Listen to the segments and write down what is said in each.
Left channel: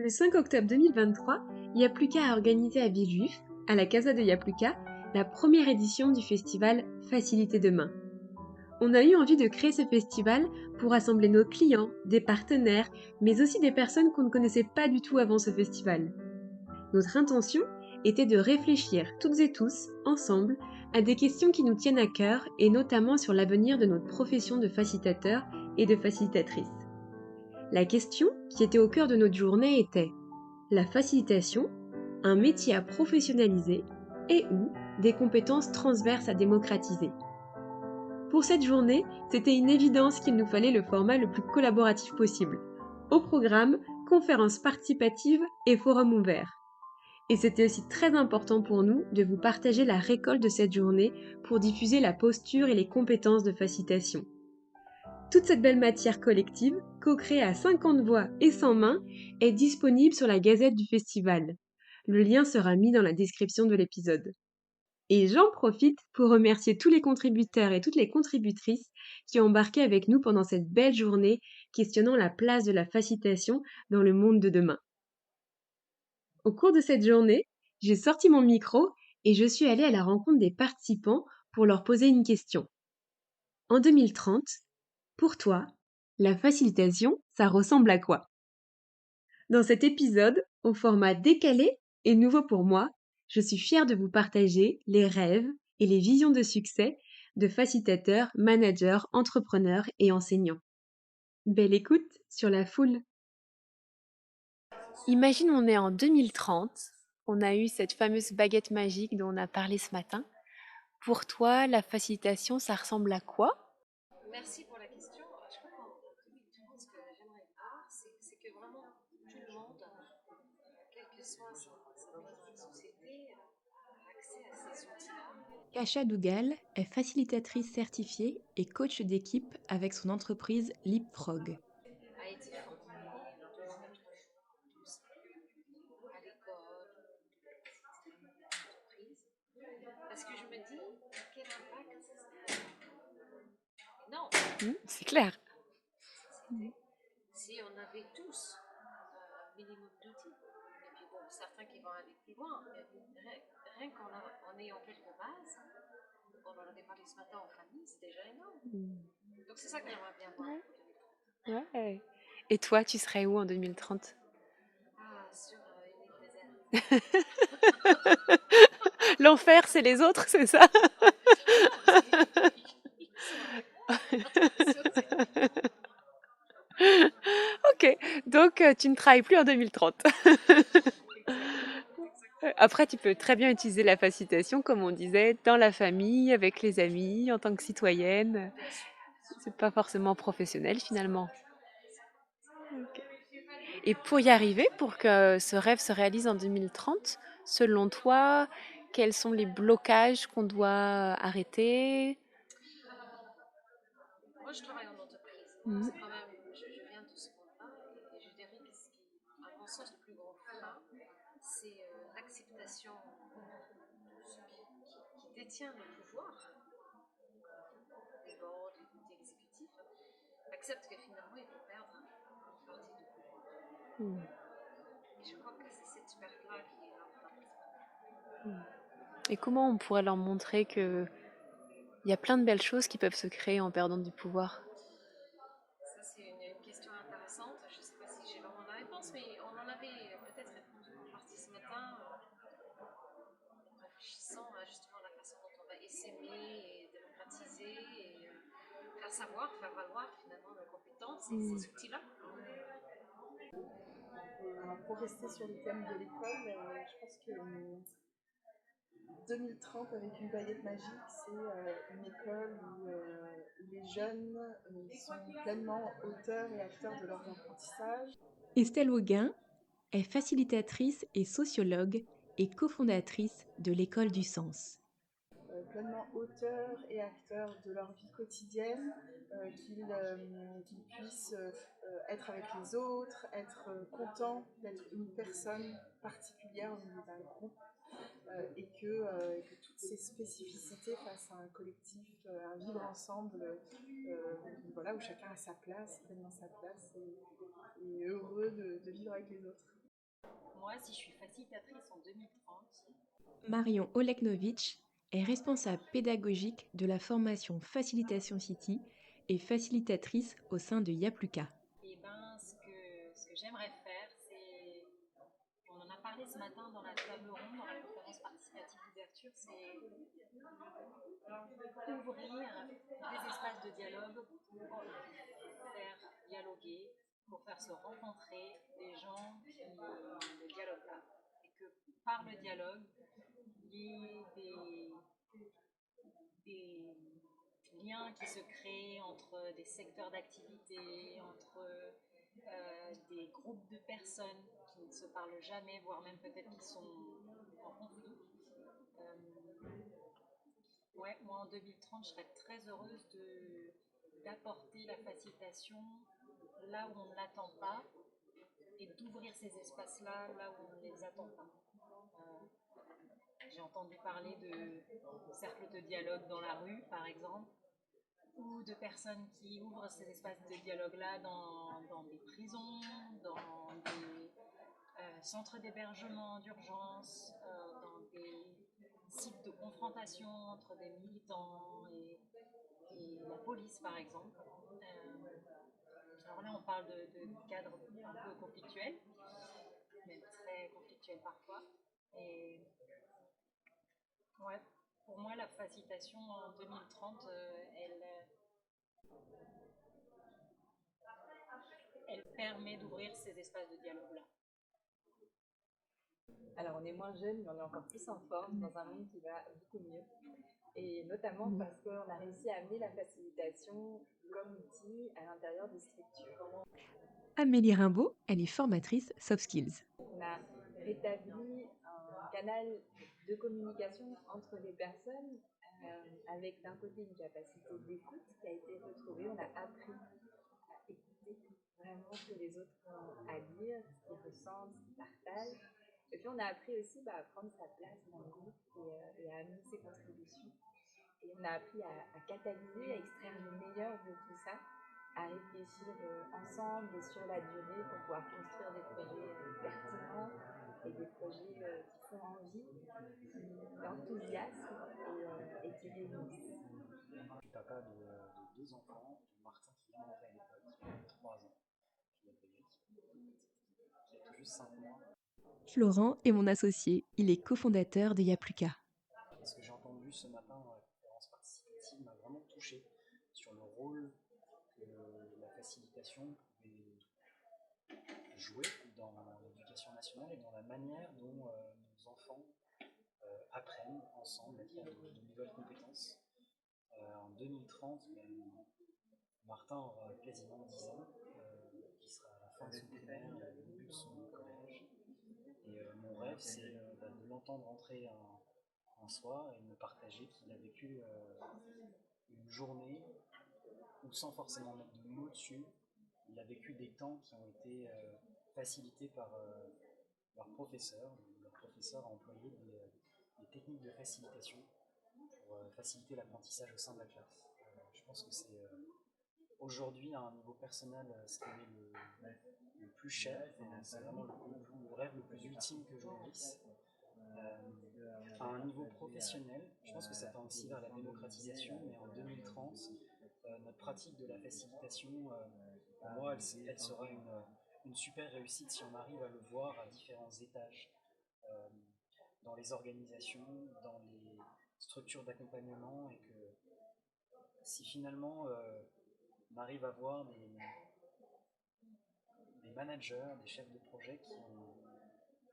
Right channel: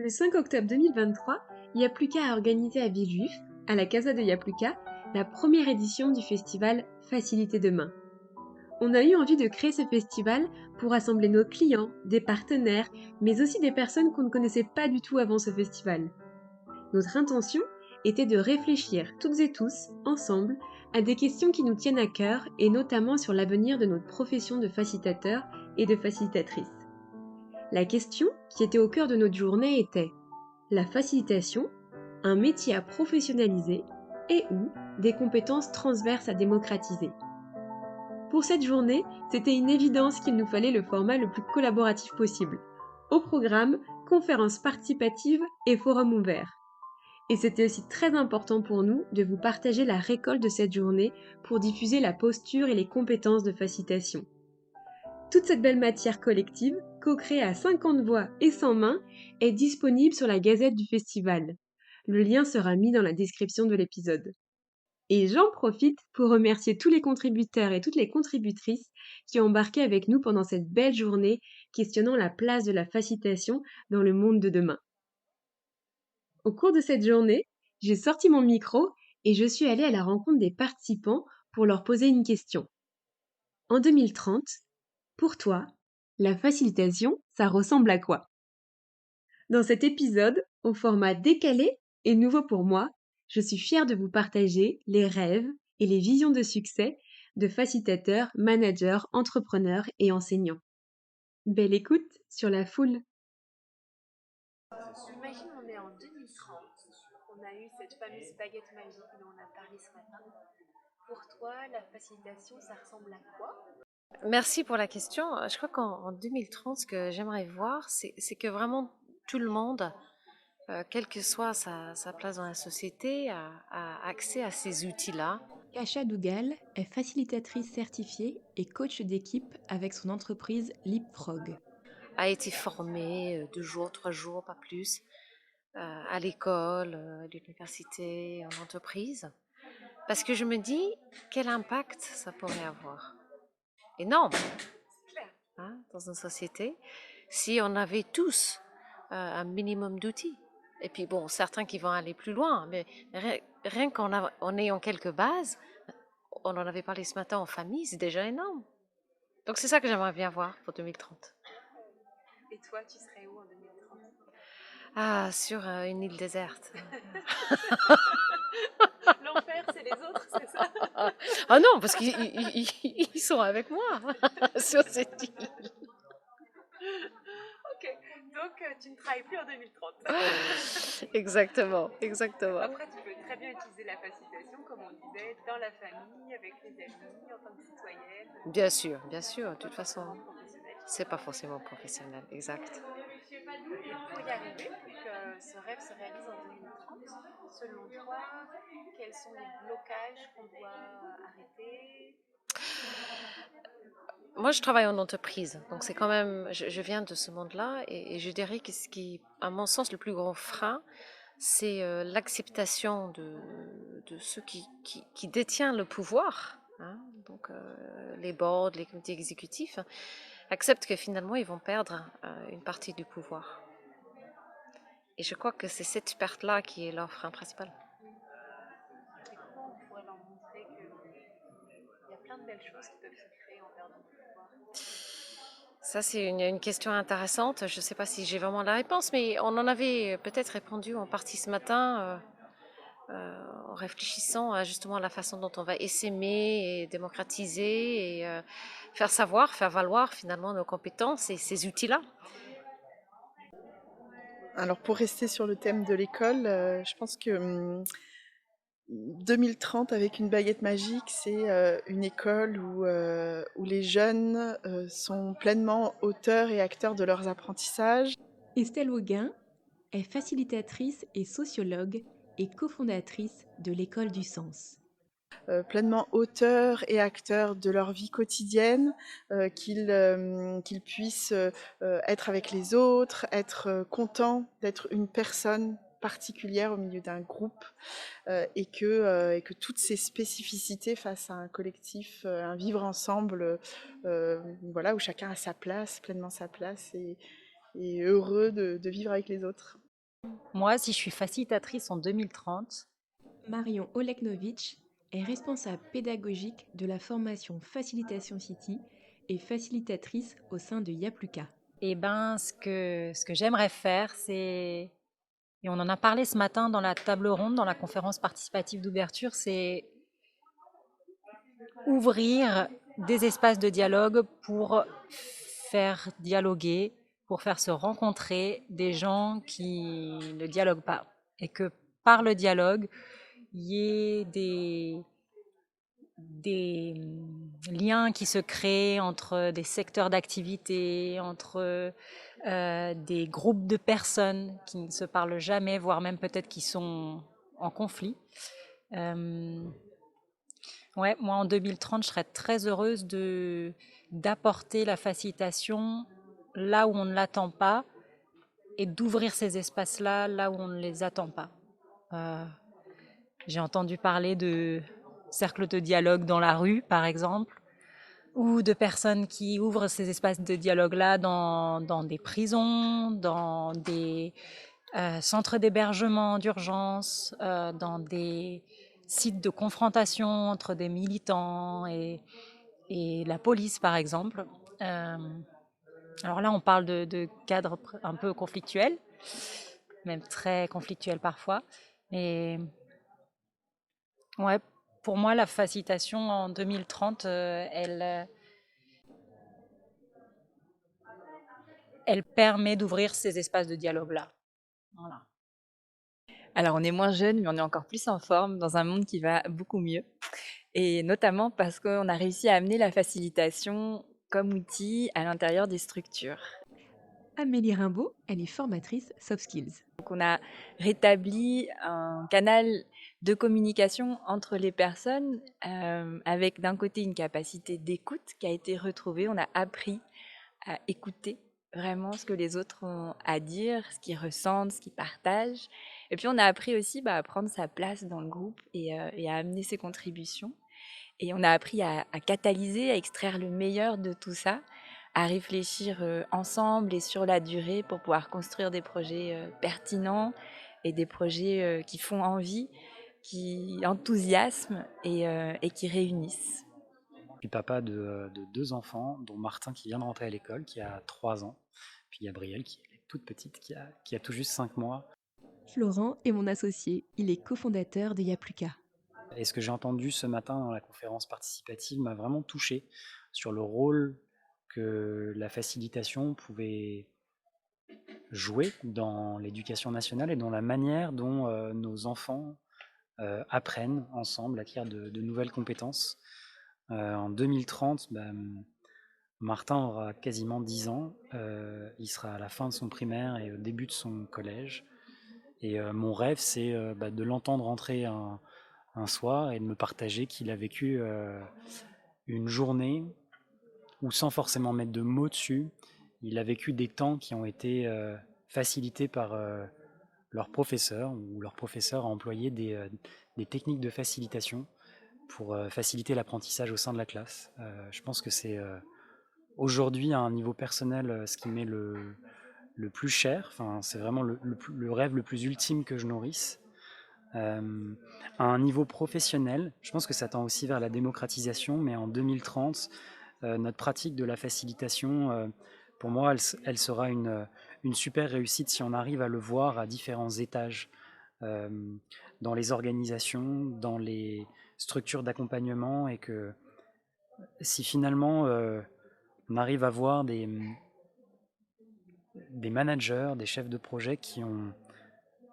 Le 5 octobre 2023, Yapluka a organisé à Villejuif, à la Casa de Yapluka, la première édition du festival Facilité Demain. On a eu envie de créer ce festival pour rassembler nos clients, des partenaires, mais aussi des personnes qu'on ne connaissait pas du tout avant ce festival. Notre intention était de réfléchir toutes et tous, ensemble, à des questions qui nous tiennent à cœur et notamment sur l'avenir de notre profession de facilitateur et de facilitatrice. La question qui était au cœur de notre journée était: la facilitation, un métier à professionnaliser et ou des compétences transverses à démocratiser. Pour cette journée, c'était une évidence qu'il nous fallait le format le plus collaboratif possible. Au programme, conférences participatives et forums ouverts. Et c'était aussi très important pour nous de vous partager la récolte de cette journée pour diffuser la posture et les compétences de facilitation. Toute cette belle matière collective, co-créée à 50 voix et 100 mains, est disponible sur la gazette du festival. Le lien sera mis dans la description de l'épisode. Et j'en profite pour remercier tous les contributeurs et toutes les contributrices qui ont embarqué avec nous pendant cette belle journée questionnant la place de la facilitation dans le monde de demain. Au cours de cette journée, j'ai sorti mon micro et je suis allée à la rencontre des participants pour leur poser une question. En 2030, pour toi, la facilitation, ça ressemble à quoi? Dans cet épisode, au format décalé et nouveau pour moi, je suis fière de vous partager les rêves et les visions de succès de facilitateurs, managers, entrepreneurs et enseignants. Belle écoute sur la foule. Imagine, on est en 2030, on a eu cette fameuse baguette magique dont on a parlé ce matin. Pour toi, la facilitation, ça ressemble à quoi? Merci pour la question. Je crois qu'en 2030, ce que j'aimerais voir, c'est que vraiment tout le monde, quelle que soit sa place dans la société, a accès à ces outils-là. Kacha Dougal est facilitatrice certifiée et coach d'équipe avec son entreprise Leapfrog. A été formé 2 jours, 3 jours, pas plus, à l'école, à l'université, en entreprise. Parce que je me dis, quel impact ça pourrait avoir? Énorme, C'est clair. hein, dans une société, si on avait tous un minimum d'outils. Et puis bon, certains qui vont aller plus loin, mais rien en ayant quelques bases, on en avait parlé ce matin en famille, c'est déjà énorme. Donc c'est ça que j'aimerais bien voir pour 2030. Ouais. Et toi, tu serais où en 2030? Ah, sur une île déserte. L'enfer, c'est les autres, c'est ça? Ah non, parce qu'ils sont avec moi sur cette île. Ok, donc tu ne travailles plus en 2030. Exactement, exactement. Après, tu peux très bien utiliser la facilitation, comme on disait, dans la famille, avec les amis, en tant que citoyenne. Bien sûr, C'est de pas toute façon. forcément professionnel C'est pas finalement. forcément professionnel, exact. Et pour y arriver, pour que ce rêve se réalise en 2030, selon toi, quels sont les blocages qu'on doit arrêter? Moi, je travaille en entreprise, donc Mhm. c'est quand même, je viens de ce monde-là, et je dirais que ce qui, à mon sens, le plus grand frein, c'est l'acceptation de ceux qui détiennent le pouvoir, hein, donc les boards, les comités exécutifs, acceptent que finalement, ils vont perdre une partie du pouvoir. Et je crois que c'est cette perte-là qui est leur frein principal. Et comment on pourrait leur montrer que il y a plein de belles choses qui peuvent se créer en perdant du pouvoir? Ça, c'est une question intéressante. Je ne sais pas si j'ai vraiment la réponse, mais on en avait peut-être répondu en partie ce matin. En réfléchissant à justement la façon dont on va essaimer et démocratiser et faire savoir, faire valoir finalement nos compétences et ces outils-là. Alors pour rester sur le thème de l'école, je pense que 2030 avec une baguette magique, c'est une école où les jeunes sont pleinement auteurs et acteurs de leurs apprentissages. Estelle Auguin est facilitatrice et sociologue et cofondatrice de l'École du Sens. Pleinement auteurs et acteurs de leur vie quotidienne, qu'ils puissent être avec les autres, être contents d'être une personne particulière au milieu d'un groupe, et que toutes ces spécificités face à un collectif, un vivre ensemble, voilà, où chacun a sa place, pleinement sa place, et heureux de vivre avec les autres. Moi, si je suis facilitatrice en 2030, Marion Oleknovitch est responsable pédagogique de la formation Facilitation City et facilitatrice au sein de Yapluka. eh ben, ce que j'aimerais faire, c'est, et on en a parlé ce matin dans la table ronde, dans la conférence participative d'ouverture, c'est ouvrir des espaces de dialogue pour faire dialoguer, pour faire se rencontrer des gens qui ne dialoguent pas. Et que par le dialogue, il y ait des liens qui se créent entre des secteurs d'activité, entre des groupes de personnes qui ne se parlent jamais, voire même peut-être qui sont en conflit. Euh, ouais, moi en 2030, je serais très heureuse d'apporter la facilitation là où on ne l'attend pas et d'ouvrir ces espaces-là là où on ne les attend pas. Euh, j'ai entendu parler de cercles de dialogue dans la rue, par exemple, ou de personnes qui ouvrent ces espaces de dialogue-là dans des prisons, dans des centres d'hébergement d'urgence, dans des sites de confrontation entre des militants et la police, par exemple. Euh, alors là, on parle de cadres un peu conflictuels, même très conflictuels parfois. Mais ouais, pour moi, la facilitation en 2030, elle permet d'ouvrir ces espaces de dialogue-là. Voilà. Alors, on est moins jeune, mais on est encore plus en forme dans un monde qui va beaucoup mieux. Et notamment parce qu'on a réussi à amener la facilitation comme outil à l'intérieur des structures. Amélie Rimbaud, elle est formatrice soft skills. Donc, on a rétabli un canal de communication entre les personnes avec d'un côté une capacité d'écoute qui a été retrouvée. On a appris à écouter vraiment ce que les autres ont à dire, ce qu'ils ressentent, ce qu'ils partagent. Et puis on a appris aussi à prendre sa place dans le groupe et à amener ses contributions. Et on a appris à catalyser, à extraire le meilleur de tout ça, à réfléchir ensemble et sur la durée pour pouvoir construire des projets pertinents et des projets qui font envie, qui enthousiasment et qui réunissent. Je suis papa de deux enfants, dont Martin qui vient de rentrer à l'école, qui a 3 ans, puis Gabrielle qui est toute petite, qui a tout juste 5 mois. Florent est mon associé, il est cofondateur de Yapluka. Et ce que j'ai entendu ce matin dans la conférence participative m'a vraiment touché sur le rôle que la facilitation pouvait jouer dans l'éducation nationale et dans la manière dont nos enfants apprennent ensemble, acquièrent de nouvelles compétences. En 2030, Martin aura quasiment 10 ans, il sera à la fin de son primaire et au début de son collège. Et mon rêve, c'est de l'entendre rentrer un soir et de me partager qu'il a vécu une journée où, sans forcément mettre de mots dessus, il a vécu des temps qui ont été facilités par leur professeur, ou leur professeur a employé des techniques de facilitation pour faciliter l'apprentissage au sein de la classe. Je pense que c'est aujourd'hui, à un niveau personnel, ce qui m'est le plus cher, enfin, c'est vraiment le rêve le plus ultime que je nourrisse. À un niveau professionnel, je pense que ça tend aussi vers la démocratisation, mais en 2030, notre pratique de la facilitation, pour moi, elle sera une super réussite si on arrive à le voir à différents étages, euh, dans les organisations, dans les structures d'accompagnement, et que si finalement on arrive à voir des managers, des chefs de projet qui ont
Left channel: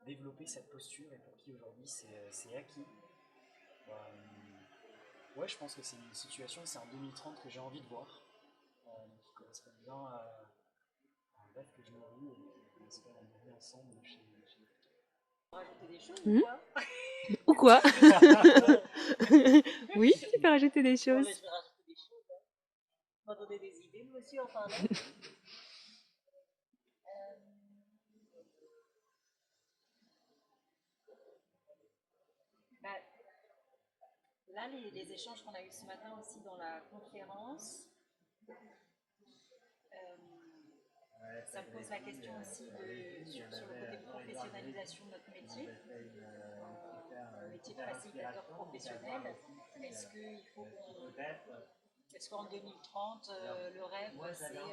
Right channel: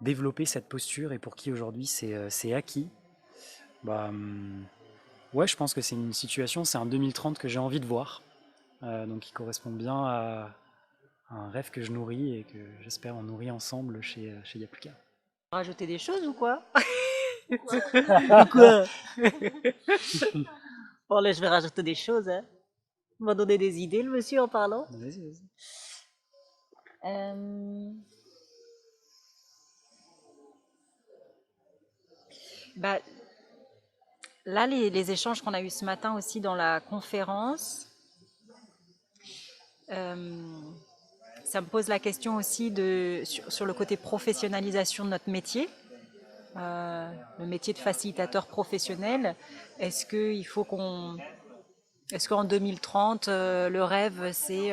développé cette posture et pour qui aujourd'hui c'est acquis, ouais, je pense que c'est une situation, c'est un 2030 que j'ai envie de voir, donc qui correspond bien à un rêve que je nourris et que j'espère on nourrit ensemble chez Yapluka. Rajouter des choses ou quoi? Ou quoi? Quoi? Oui, tu peux rajouter des Bon, choses. là, je vais rajouter des choses. Hein. Il m'a donné des idées, le monsieur, en parlant. Vas-y, vas-y. Bah, là, les échanges qu'on a eus ce matin aussi dans la conférence, ça me pose la question aussi sur le côté professionnalisation de notre métier, le métier de facilitateur professionnel. Est-ce qu'en 2030, le rêve, c'est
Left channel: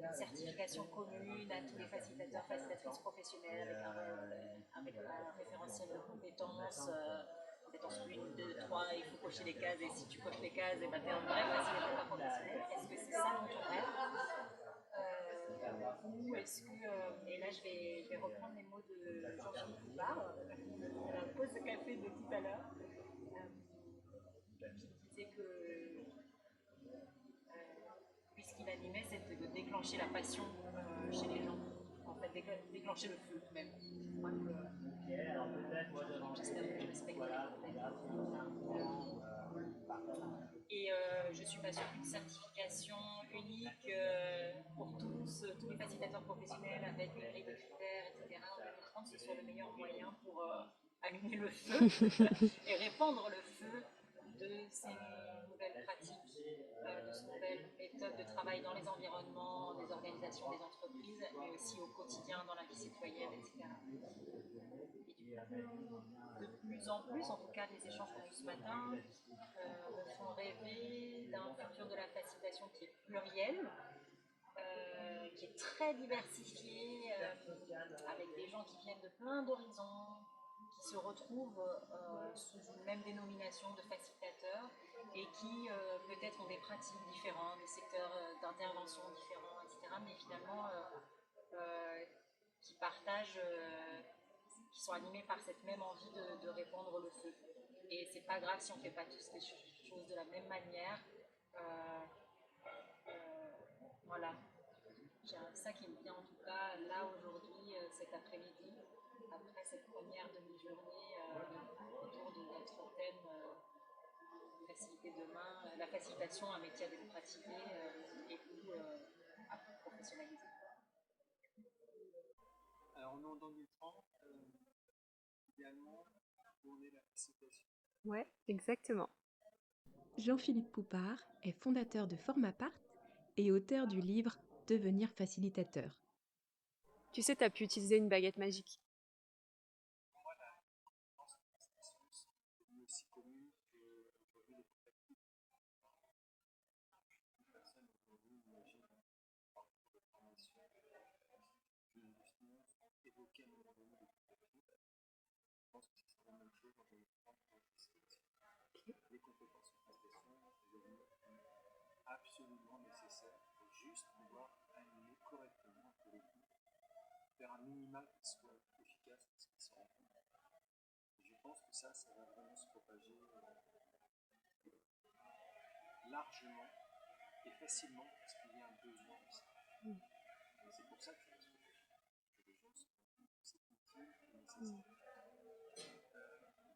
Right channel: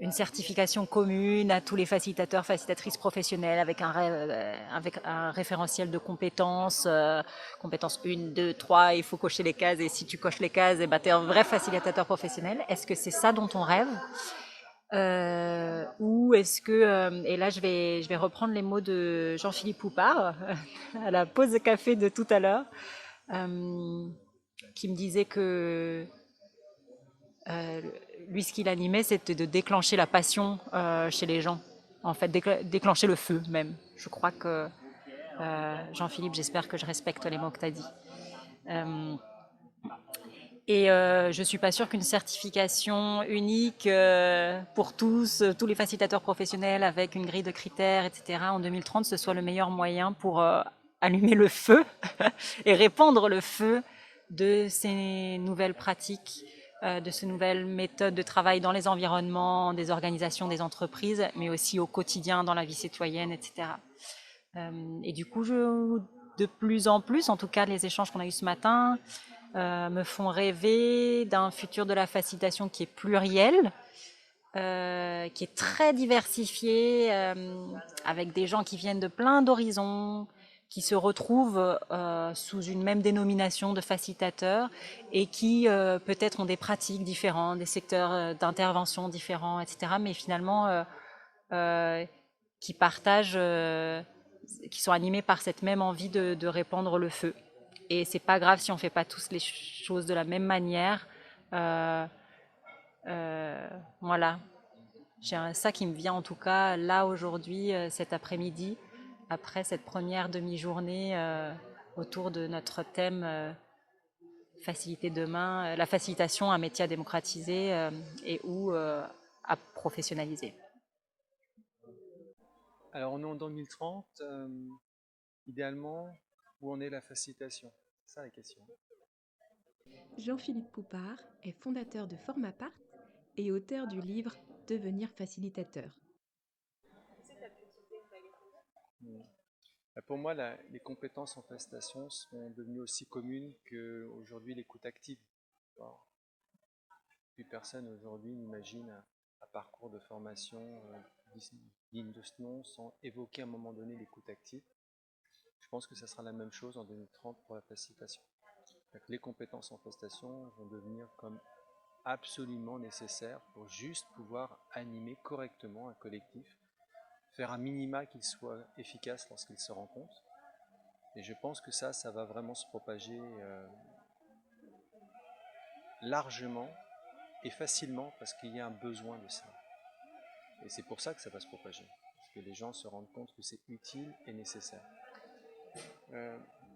une certification commune à tous les facilitateurs, facilitatrices professionnelles avec un référentiel de compétences, compétences 1, 2, 3, il faut cocher les cases et si tu coches les cases, eh ben, tu es un vrai facilitateur professionnel. Est-ce que c'est ça dont on rêve ou est-ce que, et là je vais reprendre les mots de Jean-Philippe Poupard à la pause de café de tout à l'heure, qui me disait que euh, lui, ce qu'il animait, c'était de déclencher la passion chez les gens. En fait, déclencher le feu même. Je crois que, Jean-Philippe, j'espère que je respecte les mots que tu as dit. Et je ne suis pas sûre qu'une certification unique pour tous les facilitateurs professionnels avec une grille de critères, etc., en 2030, ce soit le meilleur moyen pour allumer le feu et répandre le feu de ces nouvelles pratiques, de ces nouvelles méthodes de travail dans les environnements, des organisations, des entreprises, mais aussi au quotidien dans la vie citoyenne, etc. Et du coup, de plus en plus, en tout cas les échanges qu'on a eus ce matin, me font rêver d'un futur de la facilitation qui est pluriel, qui est très diversifié, avec des gens qui viennent de plein d'horizons, qui se retrouvent sous une même dénomination de facilitateurs et qui peut-être ont des pratiques différentes, des secteurs d'intervention différents, etc. Mais finalement qui partagent, qui sont animés par cette même envie de répandre le feu. Et c'est pas grave si on fait pas tous les choses de la même manière. Euh, voilà, j'ai ça qui me vient en tout cas là aujourd'hui, cet après-midi, après cette première demi-journée autour de notre thème faciliter demain, la facilitation, un métier à démocratiser et ou à professionnaliser. Alors, on est en 2030, idéalement, où en est la facilitation? C'est ça Ouais, la question. exactement. Jean-Philippe Poupard est fondateur de Formapart et auteur du livre Devenir facilitateur. Tu sais, tu as pu utiliser une baguette magique. Pour moi, les compétences en facilitation sont devenues aussi communes qu'aujourd'hui l'écoute active. Alors, plus personne aujourd'hui n'imagine un parcours de formation digne de ce nom sans évoquer à un moment donné l'écoute active. Je pense que ça sera la même chose en 2030 pour la facilitation. Les compétences en facilitation vont devenir comme absolument nécessaires pour juste pouvoir animer correctement un collectif, faire un minima qu'il soit efficace lorsqu'il se rencontre. Et je pense que ça va vraiment se propager largement et facilement parce qu'il y a un besoin de ça. Et c'est pour ça que ça va se propager, parce que les gens se rendent compte que c'est utile et nécessaire.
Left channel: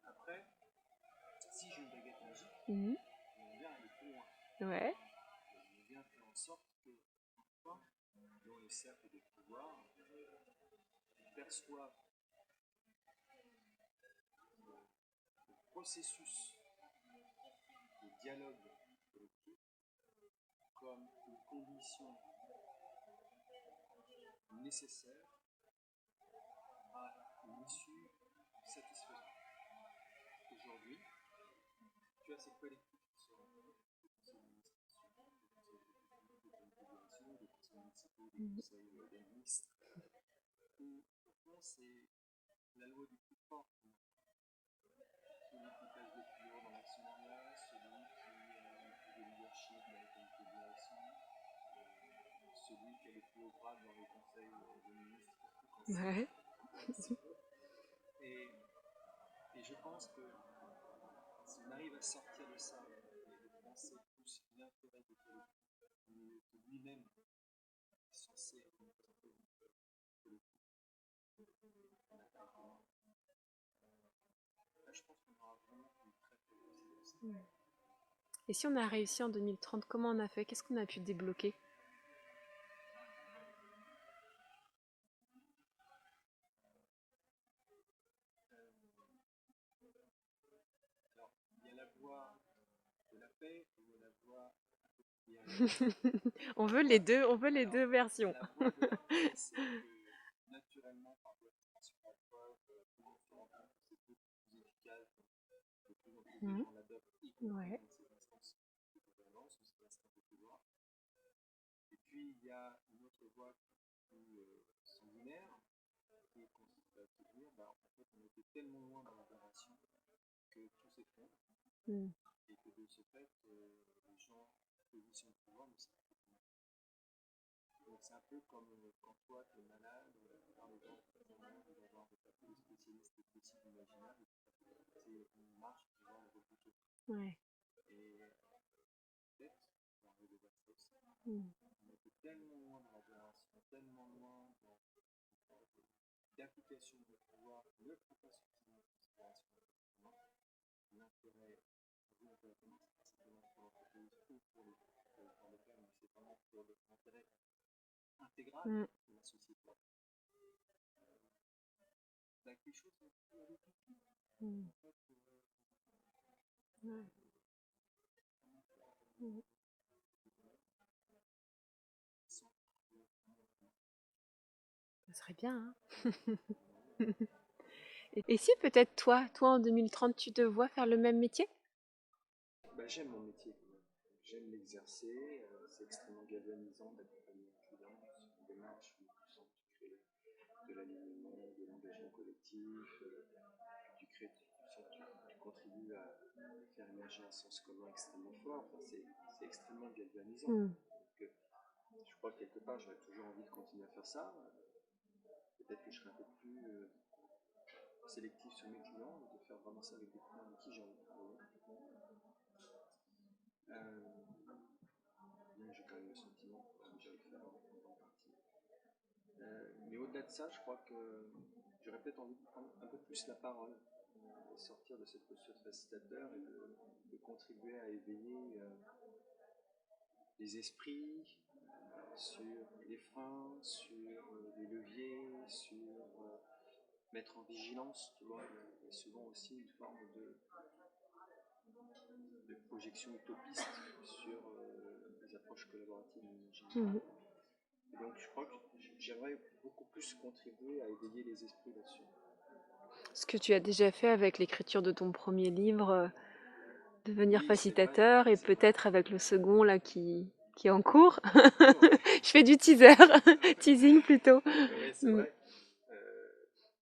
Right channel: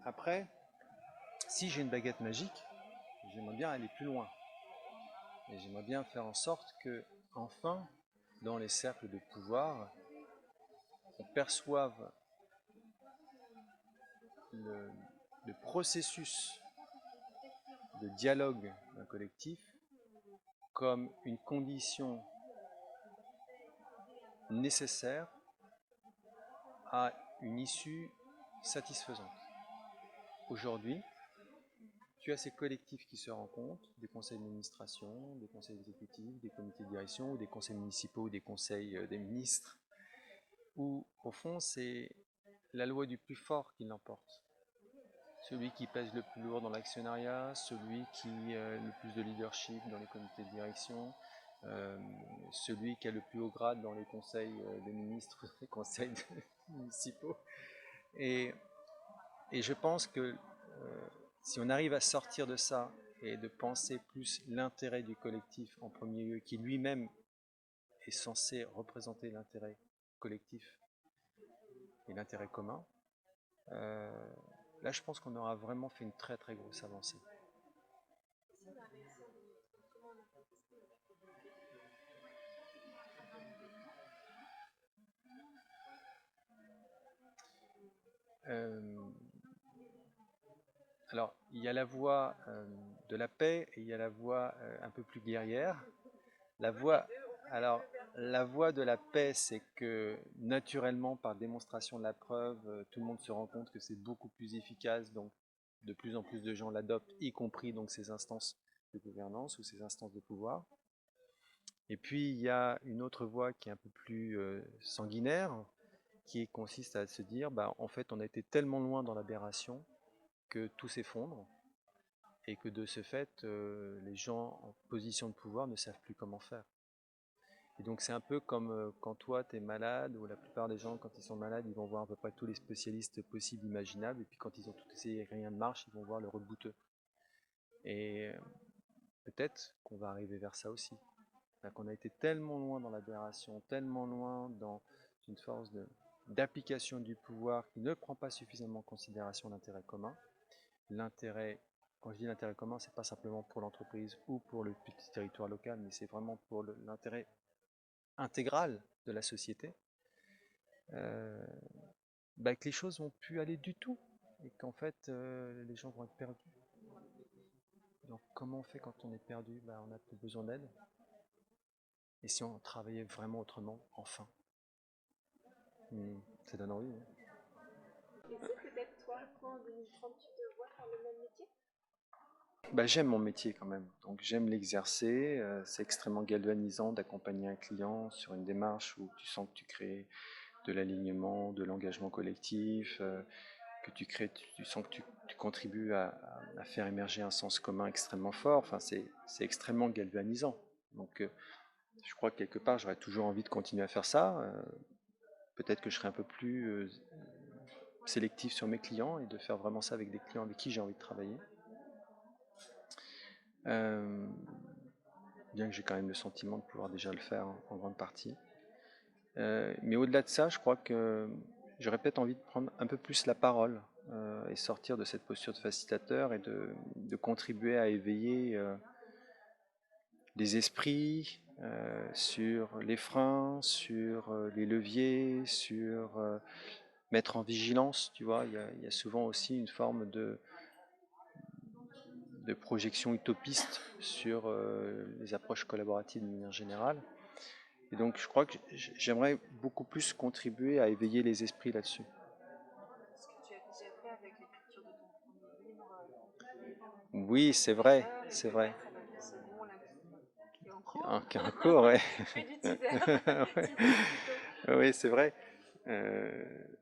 Après, si j'ai une baguette magique, j'aimerais bien aller plus loin. Ouais. Et j'aimerais bien faire en sorte que, enfin, dans les cercles de pouvoir, on perçoive le processus de dialogue d'un collectif comme une condition nécessaire à une issue satisfaisante. Aujourd'hui, tu as ces collectifs qui se rencontrent, des conseils d'administration, des conseils exécutifs, des comités de direction, ou des conseils municipaux, ou des conseils des ministres, où au fond c'est la loi du plus fort qui l'emporte. Celui qui pèse le plus lourd dans l'actionnariat, celui qui a le plus de leadership dans les comités de direction, celui qui a le plus haut grade dans les conseils des ministres, les conseils municipaux. Et je pense que si on arrive à sortir de ça et de penser plus l'intérêt du collectif en premier lieu, qui lui-même est censé représenter l'intérêt collectif et l'intérêt commun, là je pense qu'on aura vraiment fait une très très grosse avancée. Et si on a réussi en 2030, comment on a fait? Qu'est-ce qu'on a pu débloquer? Alors, il y a la voie de la paix et il y a la voie un peu plus guerrière. On La veut voie, les deux, on veut les alors, deux versions. la voie de la paix, c'est que naturellement, par démonstration de la preuve, tout le monde se rend compte que c'est beaucoup plus efficace, donc de plus en plus de gens l'adoptent, y compris Ouais. donc ces instances de gouvernance ou ces instances de pouvoir. Et puis il y a une autre voie qui est un peu plus sanguinaire, qui consiste à se dire, bah, en fait, on a été tellement loin dans l'aberration que tout s'effondre Mm. et que de ce fait, les gens en position de pouvoir ne savent plus comment faire. Et donc c'est un peu comme quand toi tu es malade, ou la plupart des gens quand ils sont malades, ils vont voir à peu près tous les spécialistes possibles, imaginables, et puis quand ils ont tout essayé et que rien ne marche, ils vont voir le rebouteux. Ouais. Et peut-être qu'on va arriver vers ça aussi. Mm. Qu'on a été tellement loin dans l'aberration, tellement loin dans une force d'application du pouvoir qui ne prend pas suffisamment en considération l'intérêt commun. L'intérêt, quand je dis l'intérêt commun, c'est pas simplement pour l'entreprise ou pour le petit territoire local, mais c'est vraiment pour l'intérêt intégral Mm. de la société, bah, que les choses vont plus aller du tout et qu'en fait les gens vont être perdus. Donc comment on fait quand on est perdu? Bah, on n'a plus besoin d'aide. Et si on travaillait vraiment autrement, enfin? Ça serait bien, hein. Ça donne envie. Hein. Et si peut-être toi en 2030, tu te vois faire le même métier? Bah, j'aime mon métier quand même, donc j'aime l'exercer. C'est extrêmement galvanisant d'accompagner un client sur une démarche où tu sens que tu crées de l'alignement, de l'engagement collectif, que tu sens que tu contribues à faire émerger un sens commun extrêmement fort. Enfin, c'est extrêmement galvanisant. Mm. Donc, je crois que quelque part, j'aurais toujours envie de continuer à faire ça. Peut-être que je serais un peu plus sélectif sur mes clients et de faire vraiment ça avec des clients avec qui j'ai envie de travailler. Bien que j'ai quand même le sentiment de pouvoir déjà le faire en grande partie. Mais au-delà de ça, je crois que j'aurais peut-être envie de prendre un peu plus la parole et sortir de cette posture de facilitateur et de contribuer à éveiller les esprits sur les freins, sur les leviers, sur mettre en vigilance. Tu vois, il y a souvent aussi une forme de projection utopiste sur les approches collaboratives de manière générale. Et donc je crois que j'aimerais beaucoup plus contribuer à éveiller les esprits là-dessus. Ce que tu as déjà fait avec l'écriture de ton premier livre, devenir Oui, c'est vrai, facilitateur, et c'est vrai. peut-être avec le second là qui est en cours. Ah, qui est en cours, ouais. Je fais du teaser, Ouais. teasing plutôt. Oui, c'est vrai.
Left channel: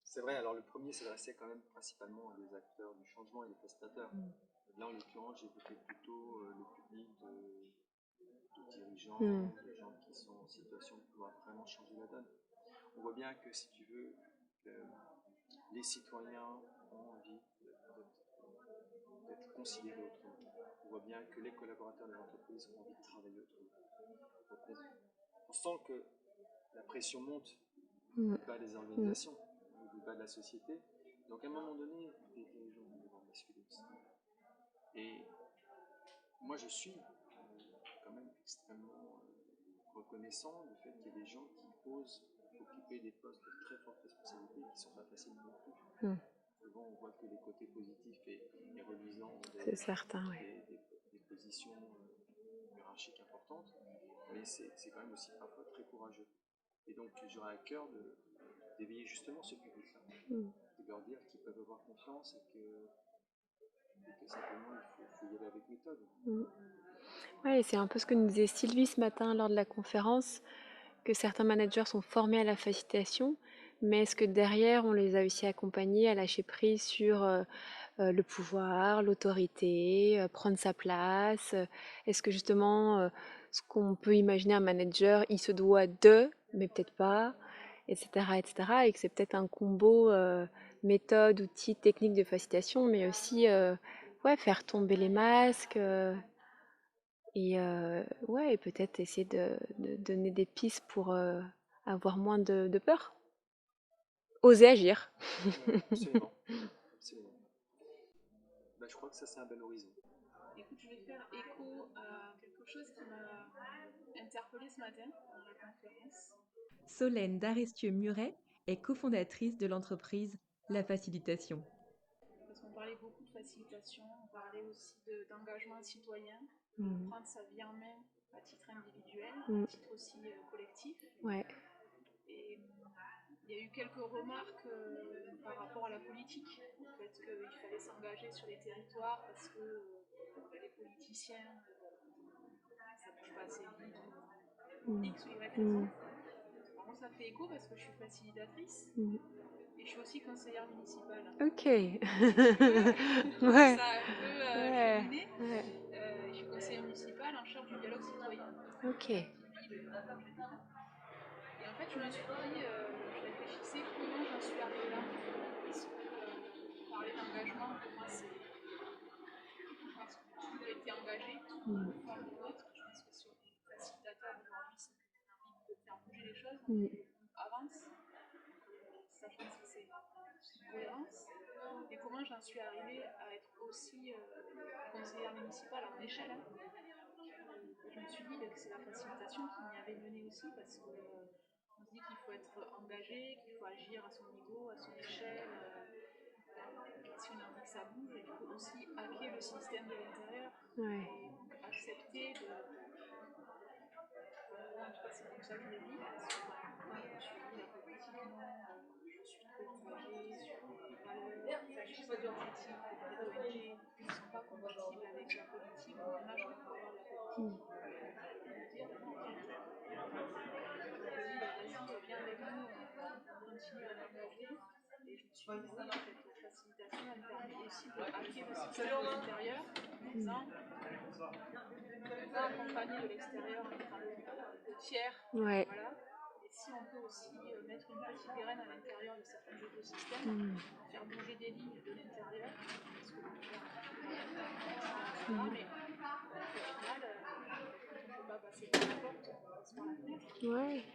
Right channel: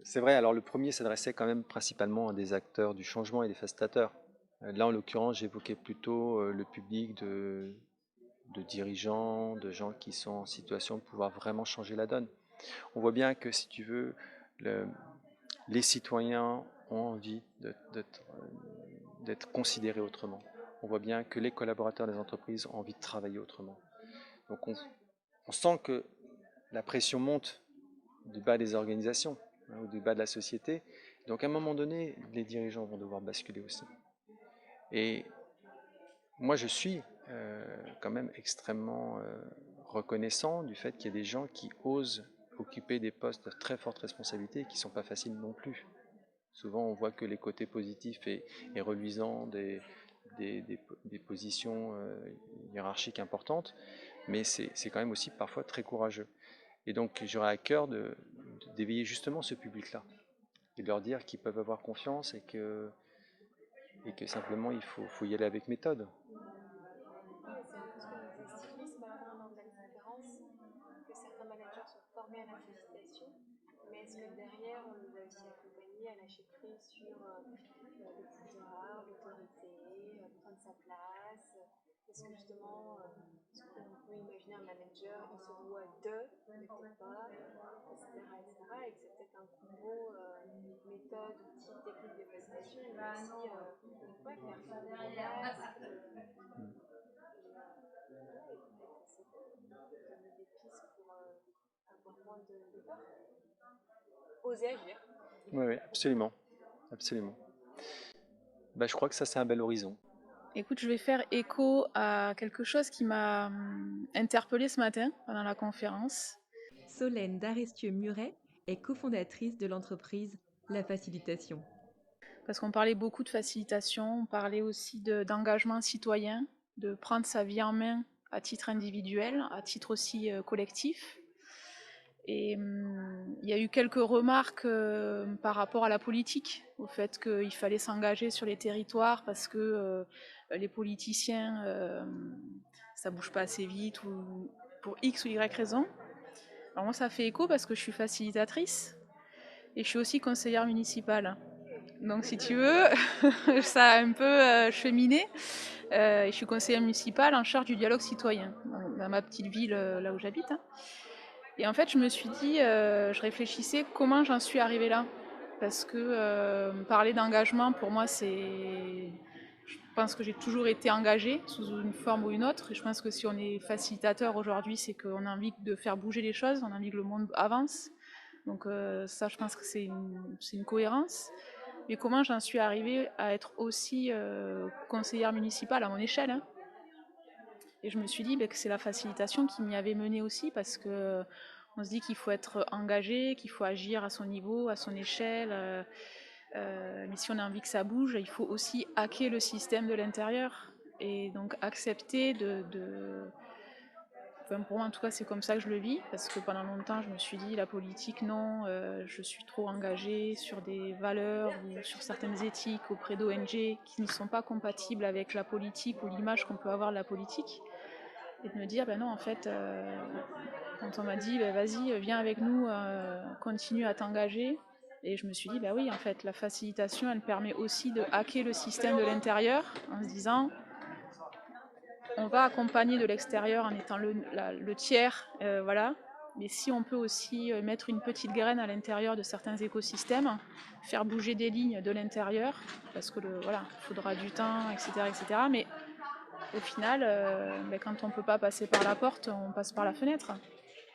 C'est vrai, alors le premier s'adressait quand même principalement à des acteurs du changement et des facilitateurs. Là, en l'occurrence, j'évoquais plutôt le public de dirigeants, de gens qui sont en situation de pouvoir vraiment changer la donne. On voit bien que, si tu veux, les citoyens ont envie d'être considérés autrement. On voit bien que les collaborateurs des entreprises ont envie de travailler autrement. Donc on sent que la pression monte du bas des organisations, ou du bas de la société. Donc à un moment donné, les dirigeants vont devoir basculer aussi. Et moi, je suis quand même extrêmement reconnaissant du fait qu'il y ait des gens qui osent occuper des postes de très forte responsabilité et qui ne sont pas faciles non plus. Souvent, on voit que les côtés positifs et reluisants C'est certain, ouais. des positions hiérarchiques importantes, mais c'est quand même aussi parfois très courageux. Et donc, j'aurais à cœur d'éveiller justement ce public-là et de leur dire qu'ils peuvent avoir confiance et que simplement il faut y aller avec méthode. Ouais, et c'est un peu ce que nous disait Sylvie ce matin lors de la conférence, que certains managers sont formés à la facilitation, mais est-ce que derrière on les a aussi accompagnés à lâcher prise sur le pouvoir, l'autorité, prendre sa place? Est-ce que justement ce qu'on peut imaginer un manager, il se doit de, mais peut-être pas, etc., etc., et que c'est peut-être un combo méthode, outils, techniques de facilitation, mais aussi ouais, faire tomber les masques et ouais, et peut-être essayer de donner des pistes pour avoir moins de peur. Oser agir. Oui, oui, absolument, absolument. Bah, je crois que ça, c'est un bel horizon. Écoute, je vais faire écho à quelque chose qui m'a interpellée ce matin pendant la conférence. Solène Darestieux-Muret est cofondatrice de l'entreprise La Facilitation. parce qu'on parlait beaucoup de facilitation, on parlait aussi d'engagement citoyen, de prendre sa vie en main à titre individuel, à titre aussi collectif. Ouais. Et il y a eu quelques remarques par rapport à la politique, au fait qu'il fallait s'engager sur les territoires parce que les politiciens, ça bouge pas assez vite ou pour X ou Y raison. Alors moi, ça fait écho parce que je suis facilitatrice et je suis aussi conseillère municipale. Ok. Donc si tu veux, ça a un peu cheminé. Je suis conseillère municipale en charge du dialogue citoyen dans ma petite ville là où j'habite. Hein. Et en fait, je me suis dit, je réfléchissais comment j'en suis arrivée là. Parce que parler d'engagement, pour moi, c'est... Je pense que j'ai toujours été engagée sous une forme ou une autre. Et je pense que si on est facilitateur aujourd'hui, c'est qu'on a envie de faire bouger les choses, on a envie que le monde avance. Donc ça, je pense que c'est une cohérence. Mais comment j'en suis arrivée à être aussi conseillère municipale à mon échelle, hein. Et je me suis dit que c'est la facilitation qui m'y avait menée aussi, parce que on se dit qu'il faut être engagé, qu'il faut agir à son niveau, à son échelle. Mais si on a envie que ça bouge, il faut aussi hacker le système de l'intérieur. Ouais. Et donc accepter Enfin, pour moi, en tout cas, c'est comme ça que je le vis, parce que pendant longtemps, je me suis dit, la politique, non, je suis trop engagée sur des valeurs ou sur certaines éthiques auprès d'ONG qui ne sont pas compatibles avec la politique ou l'image qu'on peut avoir de la politique. Et de me dire, ben non, en fait, quand on m'a dit, ben vas-y, viens avec nous, continue à t'engager. Et je me suis dit, ben oui, en fait, la facilitation, elle permet aussi de hacker le système de l'intérieur en se disant, on va accompagner de l'extérieur en étant le tiers, voilà. Mais si on peut aussi mettre une petite graine à l'intérieur de certains écosystèmes, faire bouger des lignes de l'intérieur, parce que voilà, il faudra du temps, etc., etc. Mais au final, quand on ne peut pas passer par la porte, on passe par la fenêtre.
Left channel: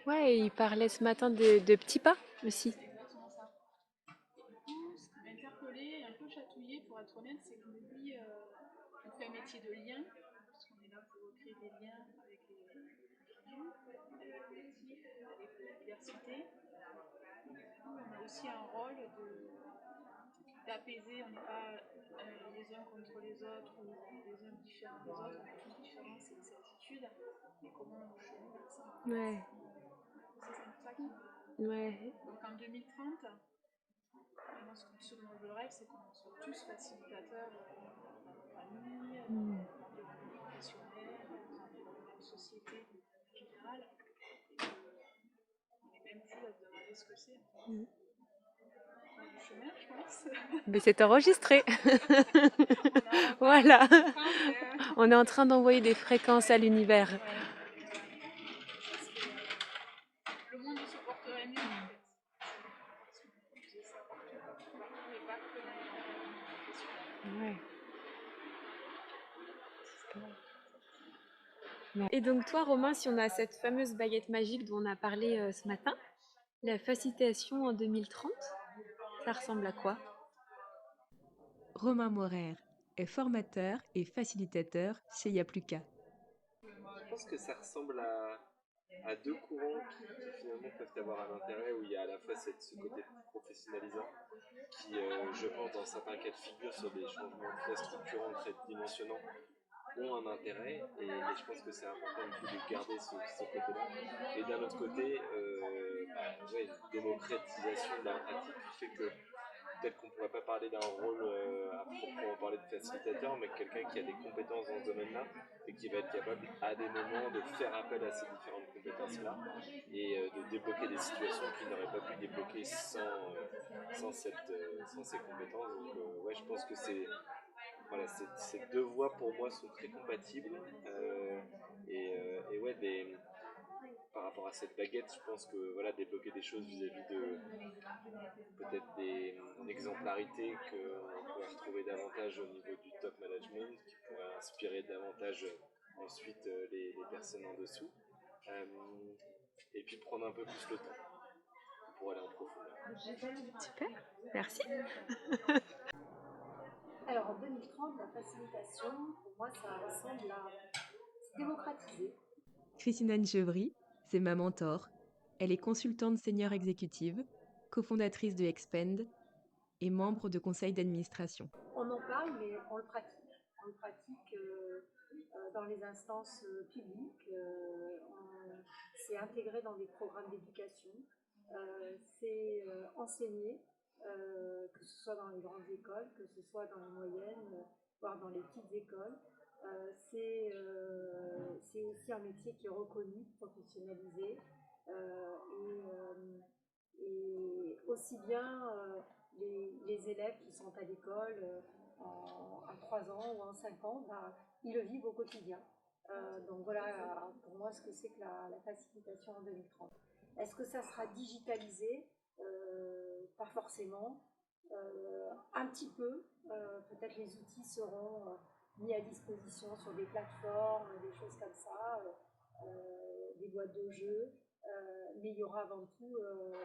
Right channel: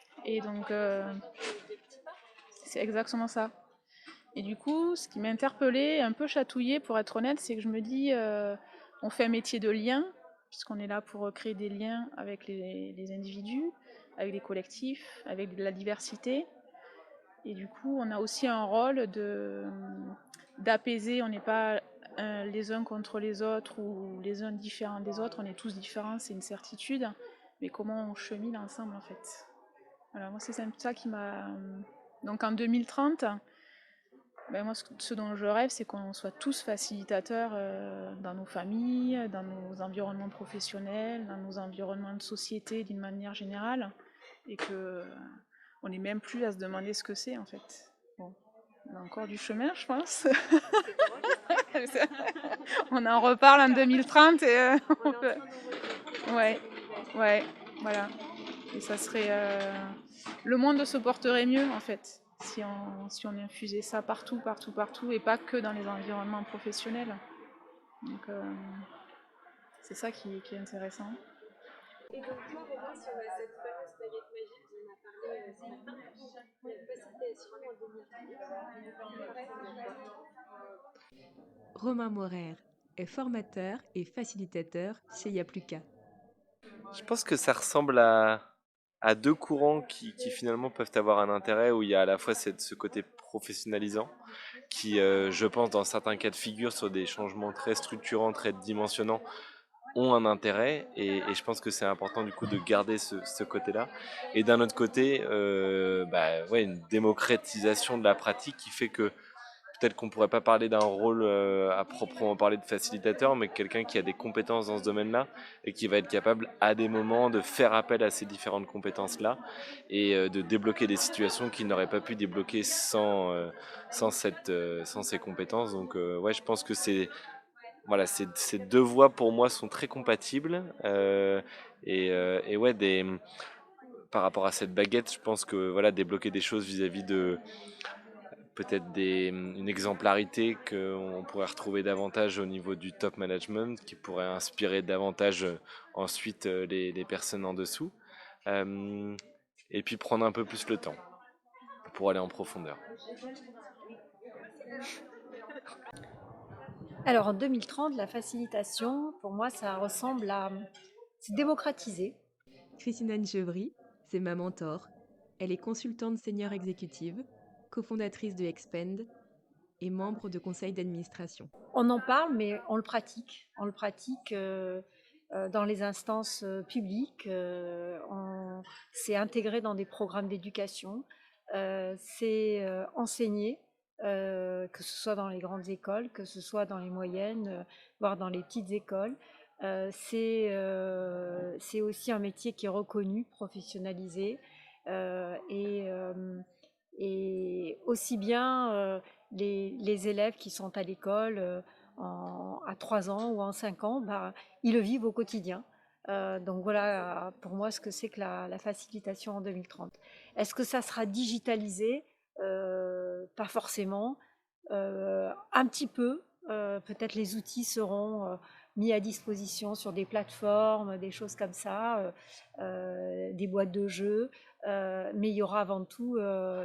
Ouais, et il parlait ce matin de petits pas aussi. C'est exactement ça. Et du coup, ce qui m'a interpellée, un peu chatouillée pour être honnête, c'est que je me dis, on fait un métier de lien, puisqu'on est là pour créer des liens avec les individus, avec les collectifs, avec de la diversité. Et du coup, on a aussi un rôle d'apaiser, on n'est pas les uns contre les autres ou les uns différents des autres, on est tous différents, c'est une certitude, mais comment on chemine ensemble en fait. Ouais. Voilà, moi c'est ça qui m'a... Ouais. Donc en 2030, ben moi ce dont je rêve, c'est qu'on soit tous facilitateurs dans nos familles, dans nos environnements professionnels, dans nos environnements de société d'une manière générale, et que on n'est même plus à se demander ce que c'est en fait. Bon. On a encore du chemin, je pense. Mais c'est enregistré. On en reparle en 2030. Et on est en train d'envoyer des fréquences à l'univers. Ouais, voilà. Et ça serait... le monde se porterait mieux, en fait, si on infusait ça partout, et pas que dans les environnements professionnels. Ouais. Donc, c'est ça qui est intéressant. Et donc toi, Romain, si on a cette fameuse baguette magique dont on a parlé ce matin, la facilitation en 2030, ça ressemble à quoi? Romain Morer est formateur et facilitateur chez Yapluka. Je pense que ça ressemble à deux courants qui finalement peuvent avoir un intérêt, où il y a à la fois ce côté professionnalisant qui, je pense, dans certains cas de figure, sur des changements très structurants, très dimensionnants, ont un intérêt, et je pense que c'est important du coup de garder ce côté-là. Et d'un autre côté, une démocratisation de la pratique qui fait que peut-être qu'on ne pourrait pas parler d'un rôle à proprement parler de facilitateur, mais quelqu'un qui a des compétences dans ce domaine-là et qui va être capable à des moments de faire appel à ces différentes compétences-là et de débloquer des situations qu'il n'aurait pas pu débloquer sans ces compétences. Donc je pense que ces deux voies pour moi sont très compatibles. Par rapport à cette baguette, je pense que débloquer des choses vis-à-vis de peut-être une exemplarité qu'on pourrait retrouver davantage au niveau du top management, qui pourrait inspirer davantage ensuite les personnes en dessous, et puis prendre un peu plus le temps pour aller en profondeur. Super, merci. Alors en 2030, la facilitation, pour moi, ça ressemble à... C'est démocratiser. Christine Anne-Chevry, c'est ma mentor. Elle est consultante senior exécutive, cofondatrice de Expend, et membre de conseil d'administration. On en parle, mais on le pratique. On le pratique dans les instances publiques. C'est intégré dans des programmes d'éducation. C'est enseigné, que ce soit dans les grandes écoles, que ce soit dans les moyennes, voire dans les petites écoles. C'est aussi un métier qui est reconnu, professionnalisé, et aussi bien les élèves qui sont à l'école à 3 ans ou en 5 ans, bah, ils le vivent au quotidien. Donc voilà pour moi ce que c'est que la facilitation en 2030. Est-ce que ça sera digitalisé? Pas forcément. Un petit peu. Peut-être les outils seront mis à disposition sur des plateformes, des choses comme ça, des boîtes de jeux. Mais il y aura avant tout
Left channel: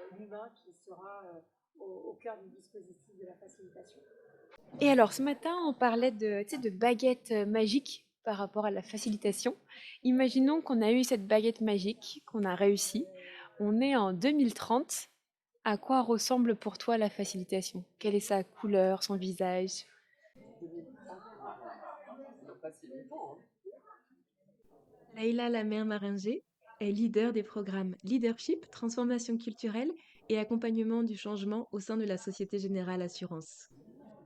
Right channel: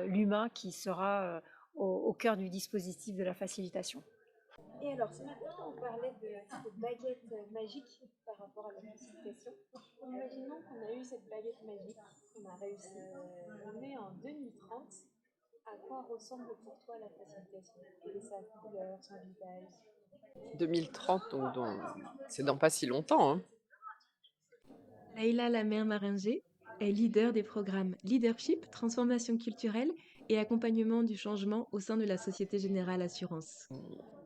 l'humain qui sera au cœur du dispositif de la facilitation. Et alors, ce matin, on parlait de, tu sais, de baguette magique par rapport à la facilitation. Imaginons qu'on a eu cette baguette magique, qu'on a réussi. On est en 2030. À quoi ressemble pour toi la facilitation? Quelle est sa couleur, son visage? 2030, c'est dans pas si longtemps, hein. Leïla Lamère-Maringer est leader des programmes Leadership, Transformation culturelle et accompagnement du changement au sein de la Société Générale Assurance.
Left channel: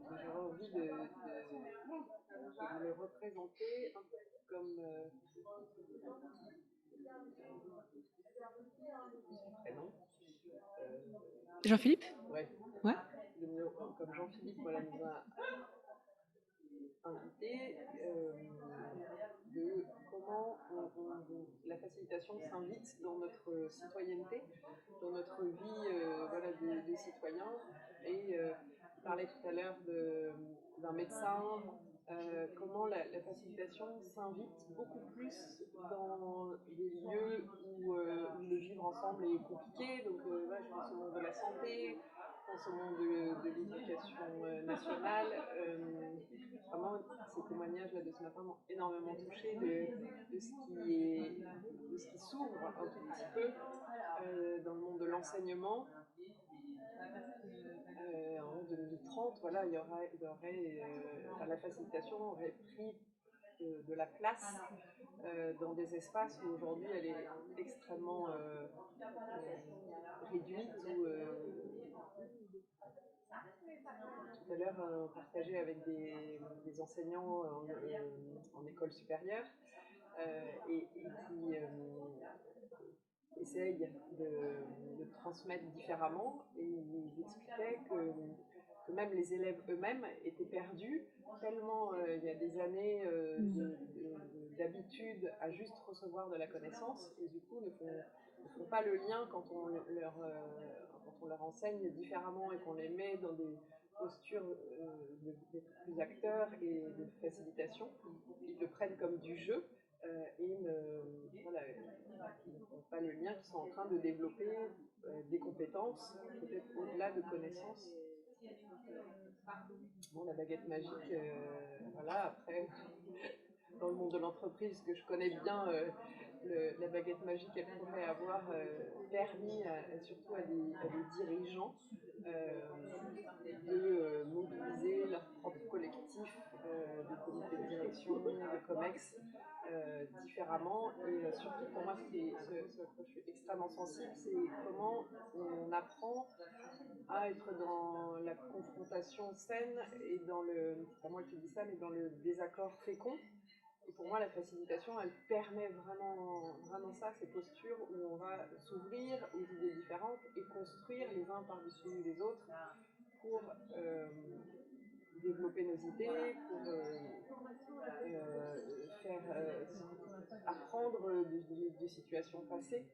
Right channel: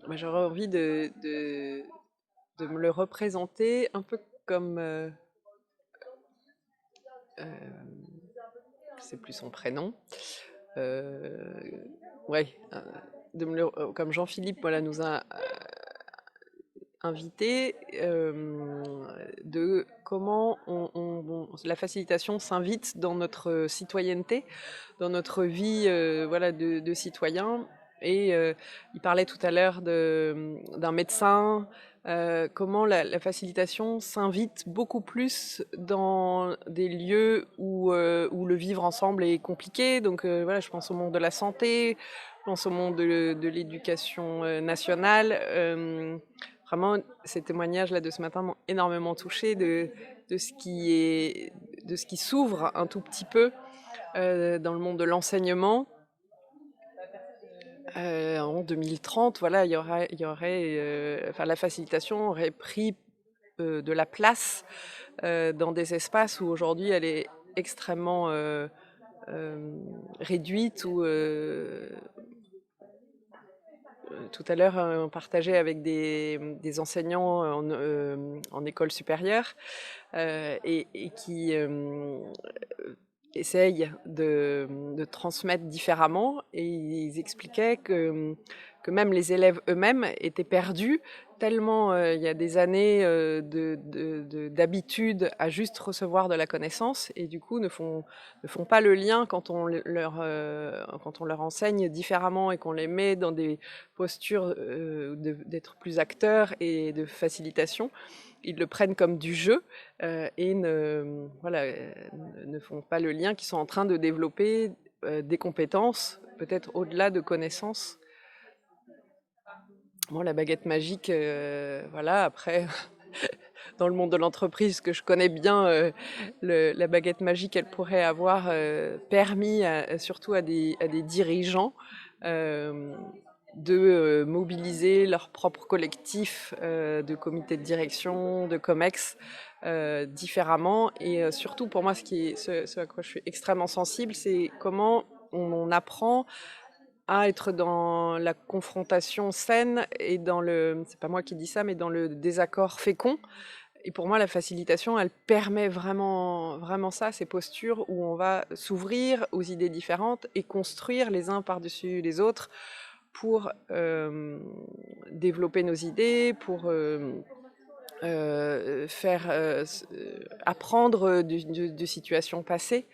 Moi, j'aurais envie de me le représenter un peu comme... c'est plus son prénom. Jean-Philippe? Ouais. Ouais. Comme Jean-Philippe voilà, nous a invité, de comment la facilitation s'invite dans notre citoyenneté, dans notre vie voilà, de citoyen. Et il parlait tout à l'heure d'un médecin, comment la facilitation s'invite beaucoup plus dans des lieux où le vivre ensemble est compliqué. Donc voilà, je pense au monde de la santé, je pense au monde de l'éducation nationale. Vraiment, ces témoignages-là de ce matin m'ont énormément touchée de ce qui s'ouvre un tout petit peu dans le monde de l'enseignement. En 2030, voilà, la facilitation aurait pris de la place dans des espaces où aujourd'hui elle est extrêmement réduite. Tout à l'heure, on partageait avec des enseignants en école supérieure et qui essayent de transmettre différemment, et ils expliquaient que même les élèves eux-mêmes étaient perdus tellement il y a des années d'habitude à juste recevoir de la connaissance, et du coup ne font pas le lien quand on leur enseigne différemment et qu'on les met dans des postures d'être plus acteurs et de facilitation. Ils le prennent comme du jeu et ne font pas le lien qu'ils sont en train de développer des compétences, peut-être au-delà de connaissances. Bon, la baguette magique, voilà, après, dans le monde de l'entreprise que je connais bien, la baguette magique, elle pourrait avoir permis surtout à des dirigeants de mobiliser leur propre collectif de comités de direction, de COMEX, différemment. Et surtout, pour moi, ce à quoi je suis extrêmement sensible, c'est comment on apprend à être dans la confrontation saine et c'est pas moi qui dis ça, mais dans le désaccord fécond. Et pour moi, la facilitation, elle permet vraiment, vraiment ça, ces postures où on va s'ouvrir aux idées différentes et construire les uns par-dessus les autres pour développer nos idées, pour faire apprendre de situations passées.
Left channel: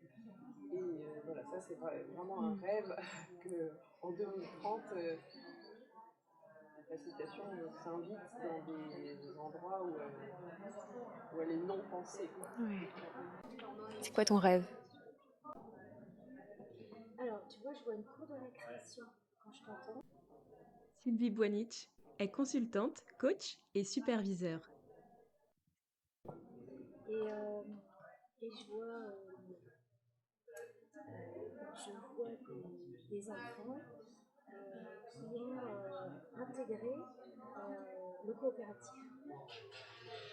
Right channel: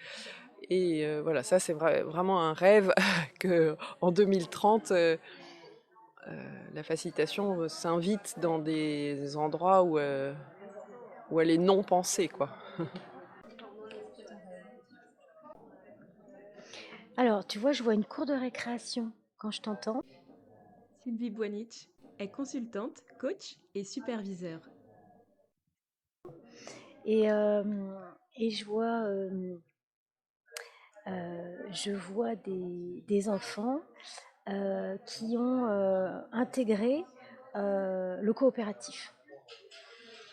Et voilà, ça c'est vraiment un rêve qu'en 2030, la facilitation s'invite dans des endroits où elle est non pensée, quoi. C'est quoi ton rêve? Alors, tu vois, je vois une cour de récréation quand je t'entends. Sylvie Boinich est consultante, coach et superviseur. Et je vois des enfants qui ont intégré le coopératif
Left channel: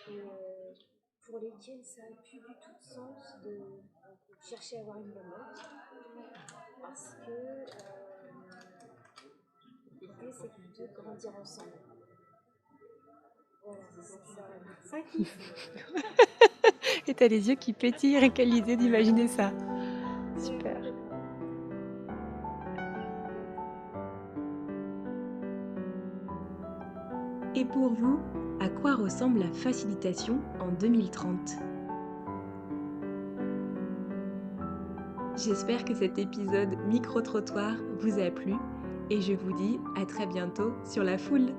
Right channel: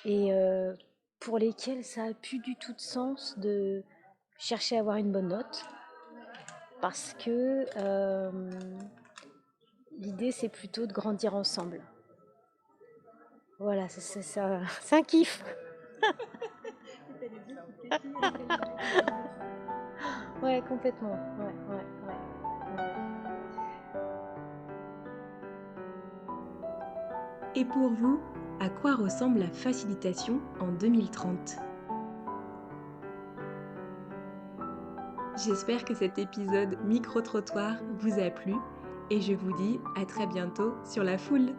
et pour lesquels ça a plus du tout de sens de chercher à avoir une bonne note parce que l'idée c'est plutôt de grandir ensemble. Voilà, c'est un kiff. Et t'as les yeux qui pétillent, rien qu'à l'idée d'imaginer ça. Ouais, Super. complètement. Ouais. Et pour vous, à quoi ressemble la facilitation en 2030 ? J'espère que cet épisode micro-trottoir vous a plu et je vous dis à très bientôt sur La Foule.